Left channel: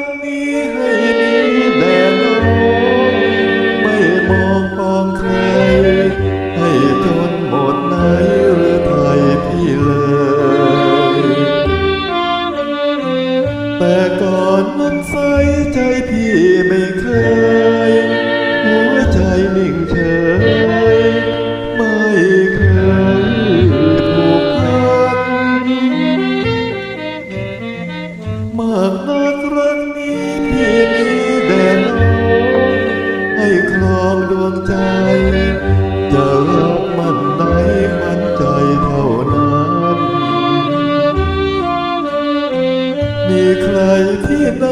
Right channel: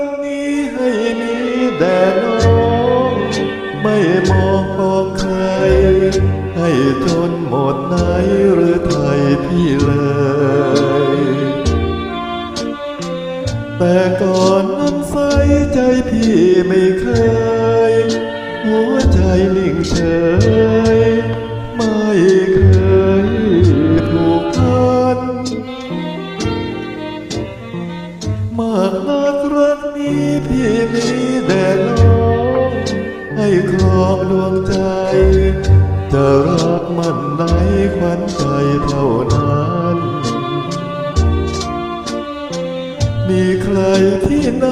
นนี้ให้มีแต่น้อง ไม่มองพองใคร ให้จนหมดไหนหรือไทยพี่เลย แต่ก่อนนั้นใสใจพี่ไม่เคย หัวใจนิ่งเฉย ไม่เคยผูกพัน ให้ครองดวงใจ จะรักมันในขวัญใจเท่านั้น มีใครที่ไหน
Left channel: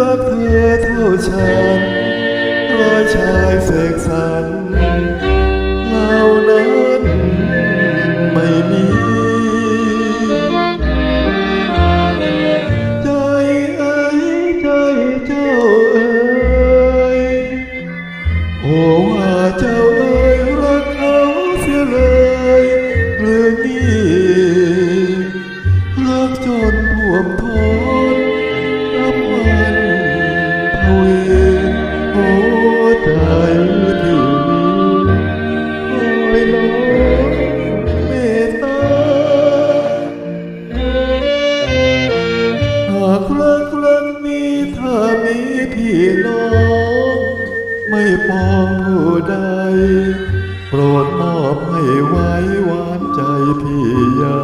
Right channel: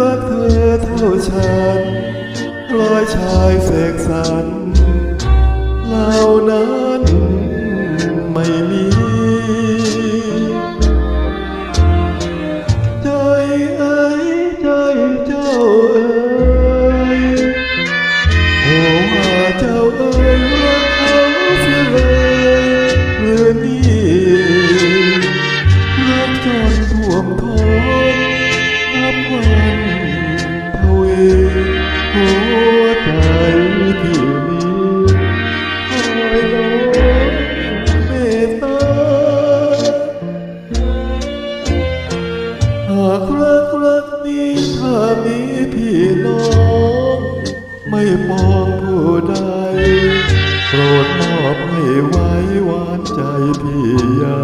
รักเธอเท่าฉันร้อยชายเสกสรรเหล่านั้นไม่มี โอ้ว่าเจ้าเอ้ยรักเขาเสียเลยหรือนี่รักจนท่วมท้นนับวันทวีหัวใจที่มีคอยล้อเมตตาหากรักรักนี้ถ้ามีพี่น้อง ไม่ปองผู้ใด โปรดมอบให้ไว้หวานใจพี่ยา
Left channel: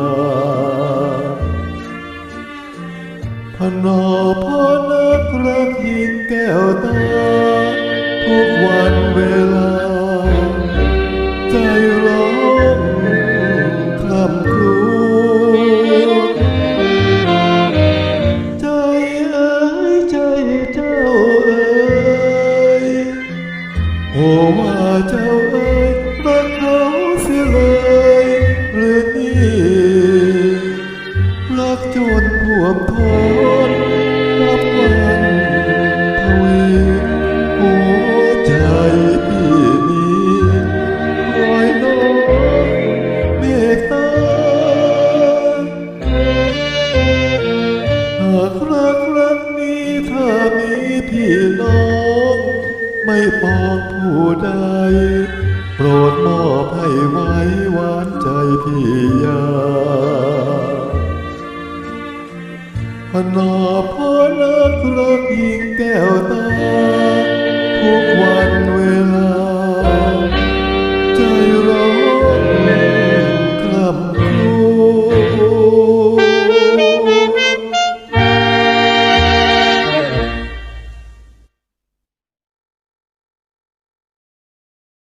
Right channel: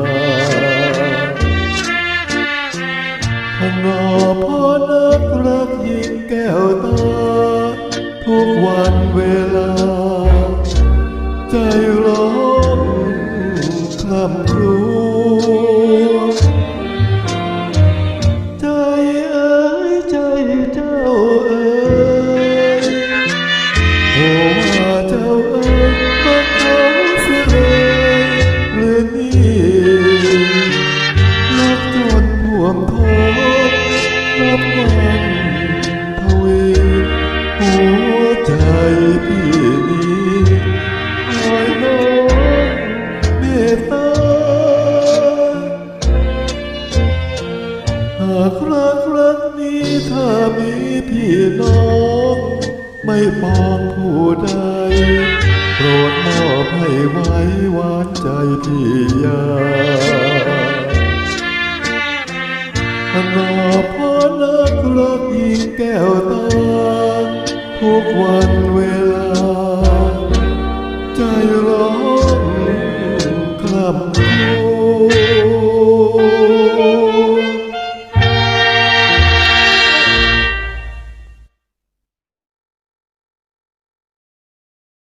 พนอพ่อนักรักยิงแก้วตา ทุกวันเวลา ใจ โอ้ว่าเจ้าเอ้ยรักเขาเสียเลยหรือนี่รักจนท่วมท้นนับวันทวีหัวใจพี่นี้คอยน้องเมตตาหากรักรักนี้ถ้ามีพี่น้อง ไม่ปองผู้ใด โปรดมอบให้ไว้หวานใจพี่ยาพนอพ่อนักรักยิงแก้วตา ทุกวันเวลา ใจร้องคล่ำ